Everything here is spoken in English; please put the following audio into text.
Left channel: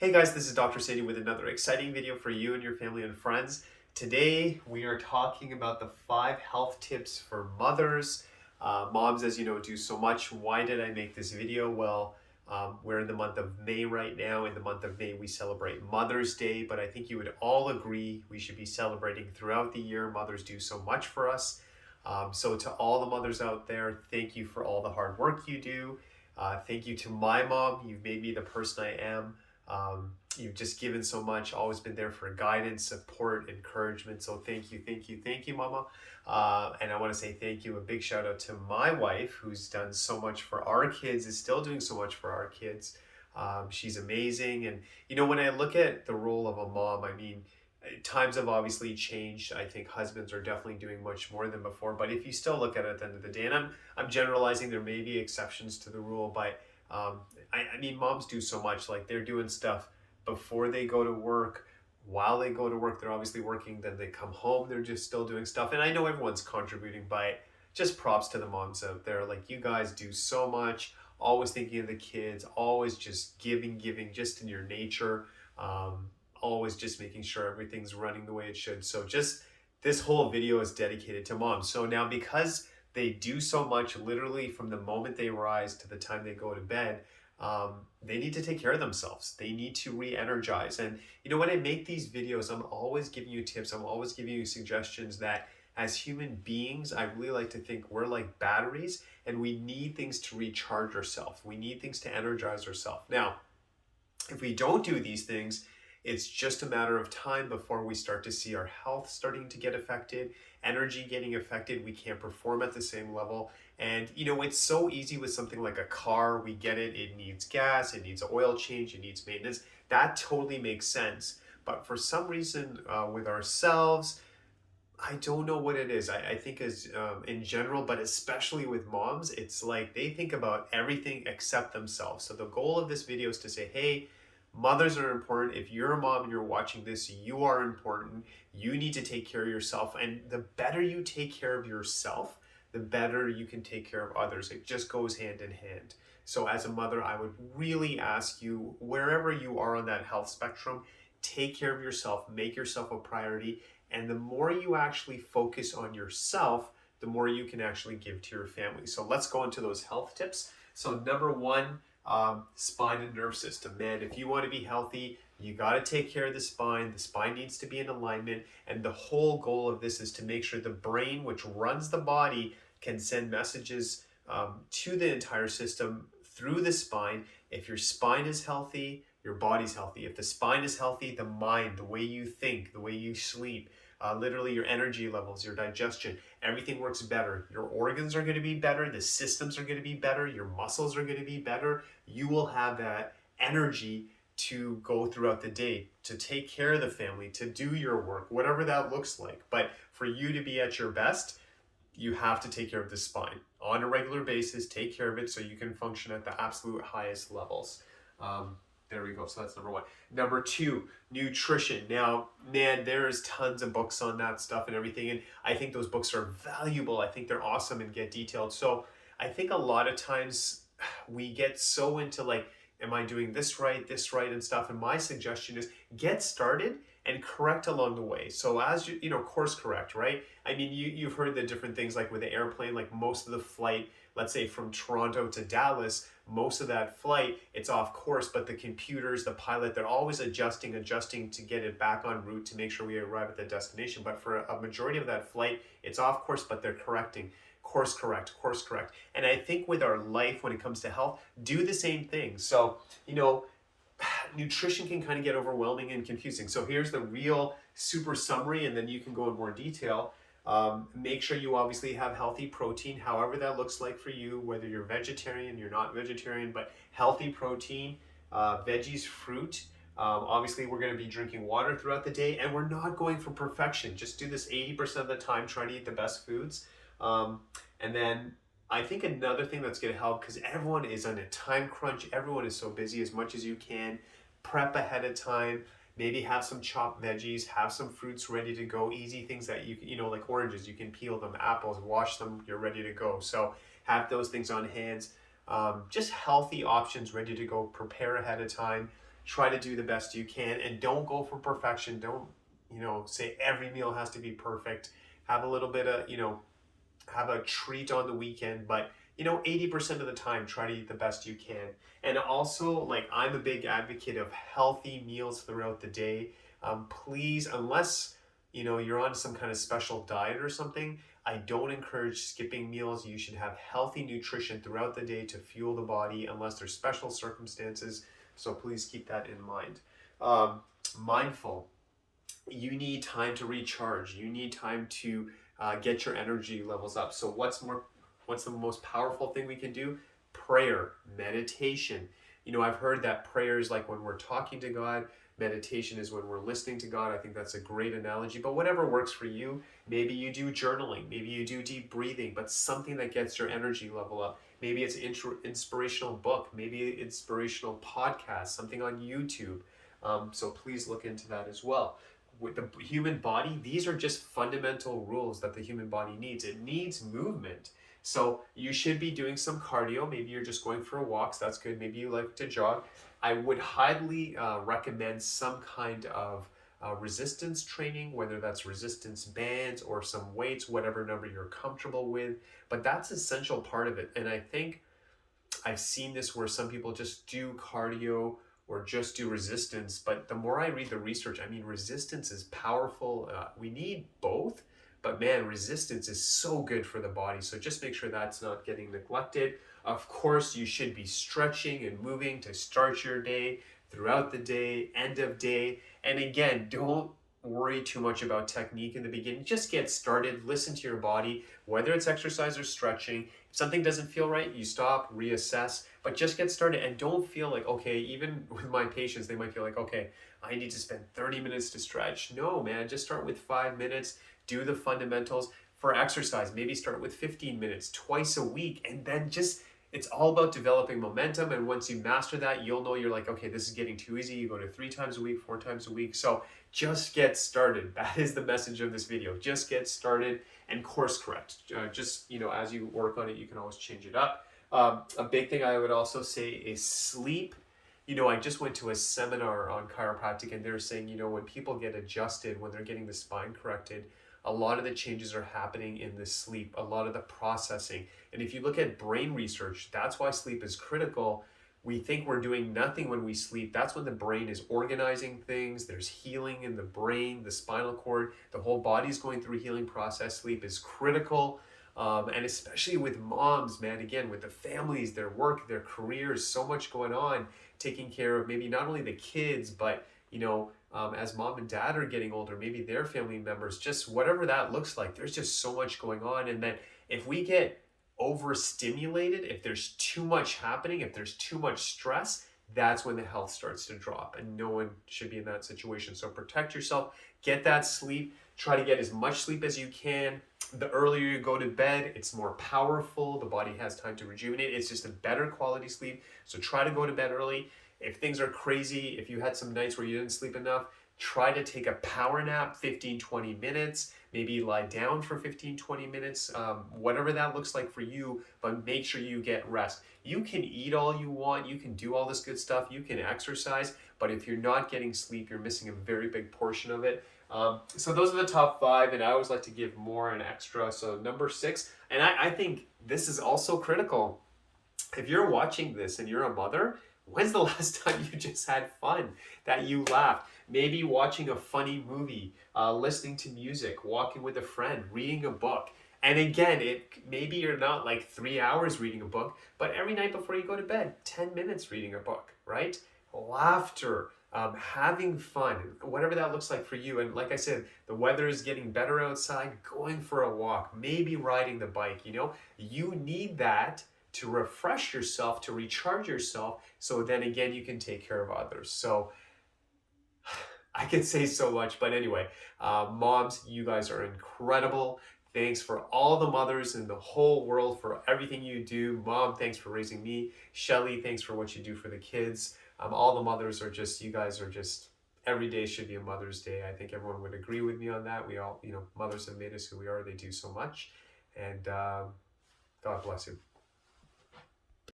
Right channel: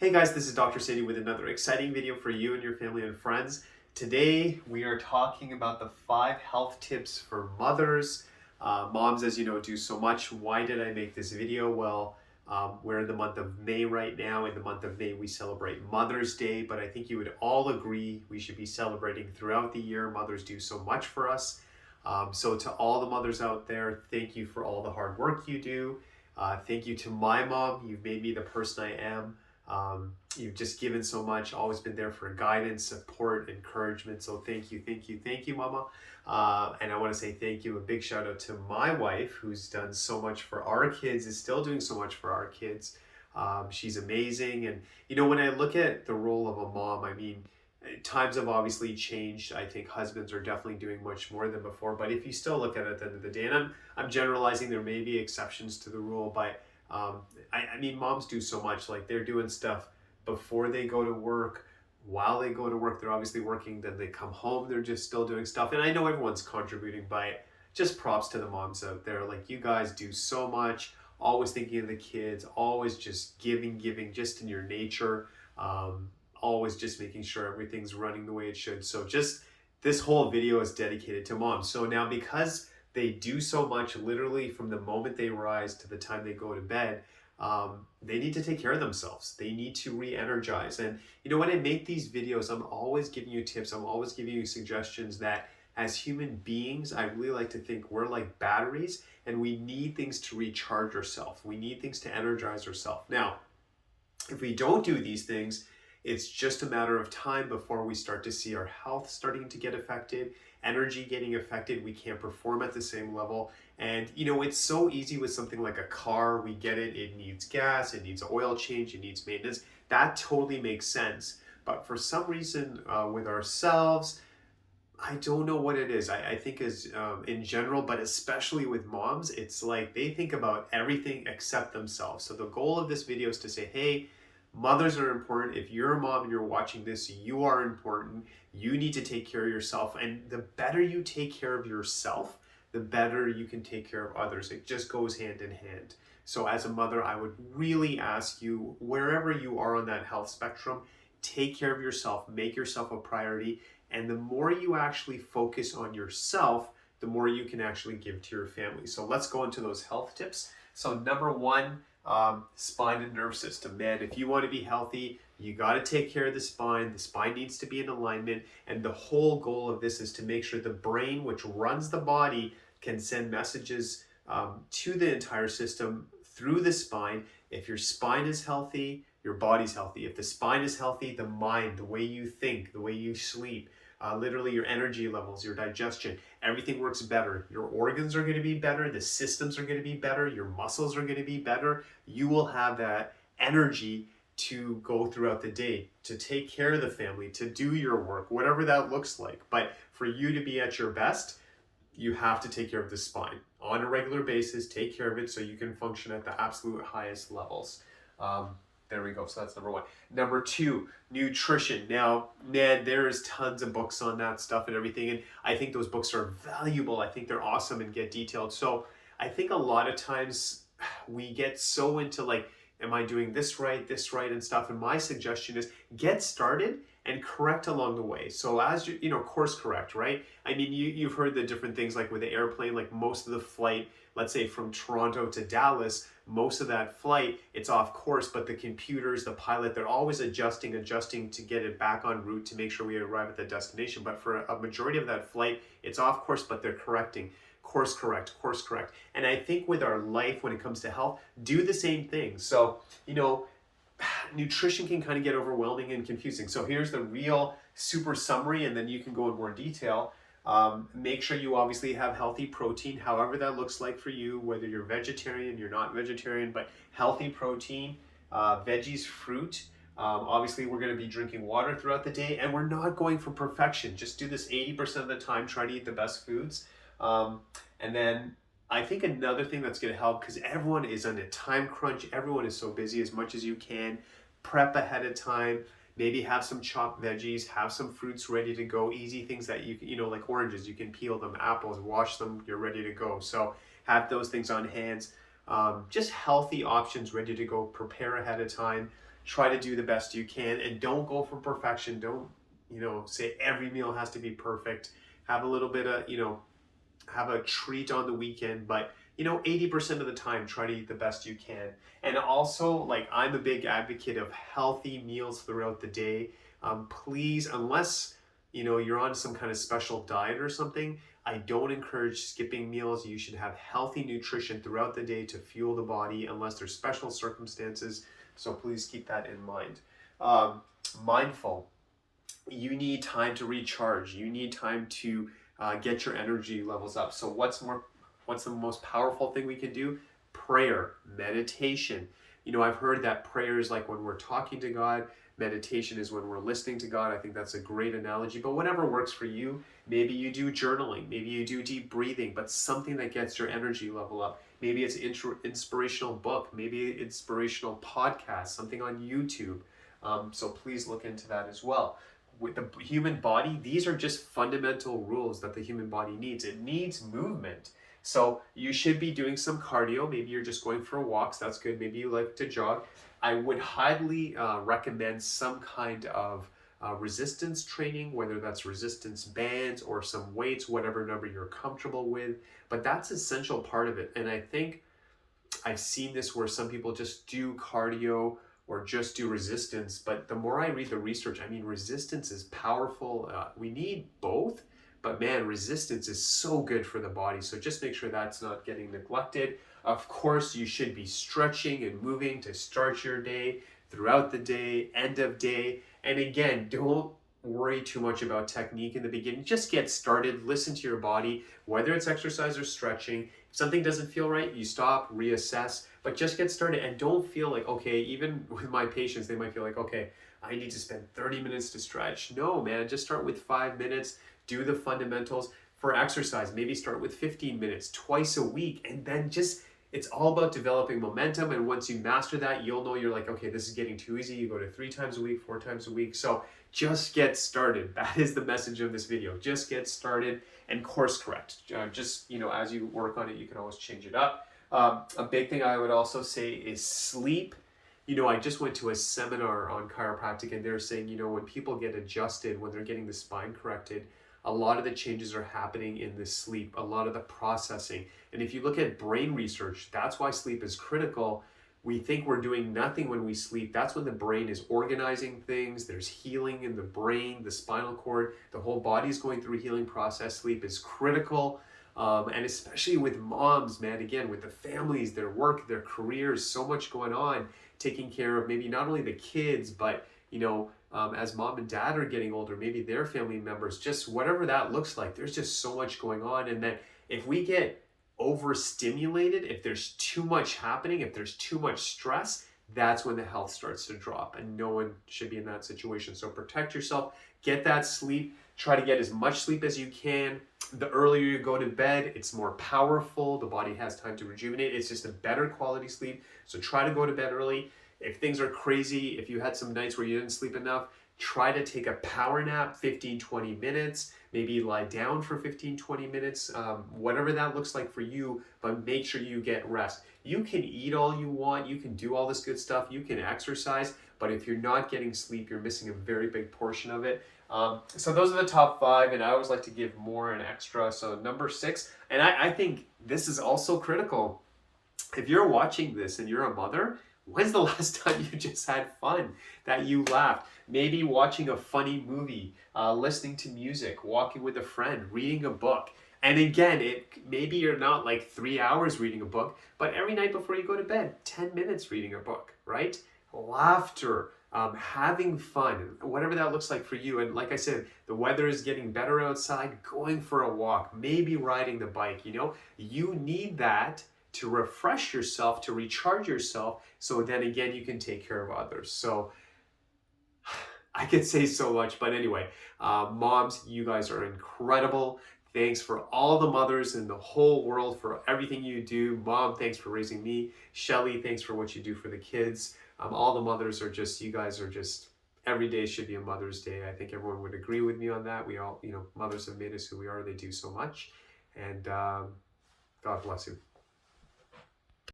Hey guys, this is Dr. Sandy with another exciting video for you and your family and friends. Today we are talking about the 5 health tips for mothers. Moms, as you know, do so much. Why did I make this video? Well, we're in the month of May right now. In the month of May, we celebrate Mother's Day, but I think you would all agree we should be celebrating throughout the year. Mothers do so much for us. So to all the mothers out there, thank you for all the hard work you do. Thank you to my mom. You've made me the person I am. You've just given so much, always been there for guidance, support, encouragement. So thank you, thank you, thank you, Mama. And I want to say thank you, a big shout out to my wife, who's done so much for our kids, is still doing so much for our kids. She's amazing. And, when I look at the role of a mom, I mean, times have obviously changed. I think husbands are definitely doing much more than before. But if you still look at it at the end of the day, and I'm generalizing, there may be exceptions to the rule, but I mean, moms do so much. Like, they're doing stuff before they go to work. While they go to work, they're obviously working. Then they come home, they're just still doing stuff. And I know everyone's contributing, but just props to the moms out there. Like, you guys do so much, always thinking of the kids, always just giving, just in your nature. Always just making sure everything's running the way it should. So just this whole video is dedicated to moms. So now, because they do so much, literally from the moment they rise to the time they go to bed, they need to take care of themselves. They need to re-energize. And when I make these videos, I'm always giving you tips. I'm always giving you suggestions that as human beings, I really like to think we're like batteries, and we need things to recharge ourselves. We need things to energize ourselves. Now, if we don't do these things, it's just a matter of time before we start to see our health starting to get affected, energy getting affected. We can't perform at the same level. And it's so easy with something like a car. We get it. It needs gas, it needs oil change, it needs maintenance. That totally makes sense. But for some reason, with ourselves, I don't know what it is. I think is in general, but especially with moms, it's like they think about everything except themselves. So the goal of this video is to say, hey, mothers are important. If you're a mom and you're watching this, you are important. You need to take care of yourself. And the better you take care of yourself, the better you can take care of others. It just goes hand in hand. So as a mother, I would really ask you, wherever you are on that health spectrum, take care of yourself, make yourself a priority. And the more you actually focus on yourself, the more you can actually give to your family. So let's go into those health tips. So number one, spine and nerve system. Man, if you want to be healthy, you got to take care of the spine. The spine needs to be in alignment. And the whole goal of this is to make sure the brain, which runs the body, can send messages to the entire system through the spine. If your spine is healthy, your body's healthy. If the spine is healthy, the mind, the way you think, the way you sleep, literally your energy levels, your digestion, everything works better. Your organs are going to be better. The systems are going to be better. Your muscles are going to be better. You will have that energy to go throughout the day, to take care of the family, to do your work, whatever that looks like. But for you to be at your best, you have to take care of the spine on a regular basis. Take care of it so you can function at the absolute highest levels. There we go. So that's number one. Number two, nutrition. Now, man, there's tons of books on that stuff and everything. And I think those books are valuable. I think they're awesome and get detailed. So I think a lot of times we get so into like, am I doing this right, and stuff? And my suggestion is get started and correct along the way. So as you course correct, right? I mean, you've heard the different things like with the airplane, like most of the flight, let's say from Toronto to Dallas, most of that flight, it's off course, but the computers, the pilot, they're always adjusting to get it back on route to make sure we arrive at the destination. But for a majority of that flight, it's off course, but they're correcting. Course correct. And I think with our life, when it comes to health, do the same thing. So, nutrition can kind of get overwhelming and confusing. So here's the real super summary, and then you can go in more detail. Make sure you obviously have healthy protein, however that looks like for you, whether you're vegetarian, you're not vegetarian, but healthy protein, veggies, fruit. Obviously, we're going to be drinking water throughout the day, and we're not going for perfection. Just do this 80% of the time, try to eat the best foods. And then I think another thing that's going to help, because everyone is on a time crunch, everyone is so busy, as much as you can, prep ahead of time. Maybe have some chopped veggies, have some fruits ready to go, easy things that like oranges, you can peel them, apples, wash them, you're ready to go. So have those things on hand. Just healthy options ready to go, prepare ahead of time. try to do the best you can, and don't go for perfection. Don't, say every meal has to be perfect. Have a little bit of, have a treat on the weekend, but 80% of the time, try to eat the best you can. And also, like, I'm a big advocate of healthy meals throughout the day. Please, unless you're on some kind of special diet or something, I don't encourage skipping meals. You should have healthy nutrition throughout the day to fuel the body, unless there's special circumstances. So please keep that in mind. Mindful. You need time to recharge. You need time to get your energy levels up. So what's the most powerful thing we can do? Prayer, meditation. I've heard that prayer is like when we're talking to God. Meditation is when we're listening to God. I think that's a great analogy, but whatever works for you. Maybe you do journaling, maybe you do deep breathing, but something that gets your energy level up. Maybe it's inspirational book, maybe inspirational podcast, something on YouTube. So please look into that as well. With the human body, these are just fundamental rules that the human body needs. It needs movement. So you should be doing some cardio. Maybe you're just going for walks. That's good. Maybe you like to jog. I would highly recommend some kind of resistance training, whether that's resistance bands or some weights, whatever number you're comfortable with. But that's an essential part of it. And I think I've seen this where some people just do cardio or just do resistance. But the more I read the research, I mean, resistance is powerful. We need both. But man, resistance is so good for the body. So just make sure that's not getting neglected. Of course, you should be stretching and moving to start your day, throughout the day, end of day. And again, don't worry too much about technique in the beginning. Just get started, listen to your body, whether it's exercise or stretching. If something doesn't feel right, you stop, reassess, but just get started and don't feel like, okay, even with my patients, they might feel like, okay, I need to spend 30 minutes to stretch. No, man, just start with 5 minutes, do the fundamentals. For exercise, maybe start with 15 minutes twice a week, and then it's all about developing momentum. And once you master that, you'll know you're like, okay, this is getting too easy. You go to 3 times a week, 4 times a week. So just get started. That is the message of this video. Just get started and course correct. Just, as you work on it, you can always change it up. A big thing I would also say is sleep. I just went to a seminar on chiropractic, and they're saying, when people get adjusted, when they're getting the spine corrected, a lot of the changes are happening in the sleep, a lot of the processing. And if you look at brain research, that's why sleep is critical. We think we're doing nothing when we sleep. That's when the brain is organizing things. There's healing in the brain, the spinal cord, the whole body's going through a healing process. Sleep is critical. And especially with moms, man, again, with the families, their work, their careers, so much going on, taking care of maybe not only the kids, but as mom and dad are getting older, maybe their family members, just whatever that looks like, there's just so much going on. And then if we get overstimulated, if there's too much happening, if there's too much stress, that's when the health starts to drop, and no one should be in that situation. So protect yourself, get that sleep, try to get as much sleep as you can. The earlier you go to bed, it's more powerful. The body has time to rejuvenate. It's just a better quality sleep. So try to go to bed early. If things are crazy, if you had some nights where you didn't sleep enough, try to take a power nap, 15, 20 minutes, maybe lie down for 15, 20 minutes, whatever that looks like for you, but make sure you get rest. You can eat all you want, you can do all this good stuff, you can exercise, but if you're not getting sleep, you're missing a very big portion of it. So those are the top 5, and I always like to give more and extra. So number 6, and I think this is also critical. If you're watching this and you're a mother, when's the last time you just had fun, that you laughed? Maybe watching a funny movie, listening to music, walking with a friend, reading a book. And again, maybe you're not like 3 hours reading a book, but every night before you go to bed, 10 minutes reading a book, right? Laughter, having fun, whatever that looks like for you. And like I said, the weather is getting better outside, going for a walk, maybe riding the bike, you need that to refresh yourself, to recharge yourself, so then again you can take care of others. So I could say so much, but anyway, moms, you guys are incredible. Thanks for all the mothers in the whole world for everything you do. Mom, thanks for raising me. Shelly, thanks for what you do for the kids. All the mothers are just, you guys are just, every day should be a Mother's Day. I think everyone would agree with me on that. We all, mothers have made us who we are. They do so much. And God bless you.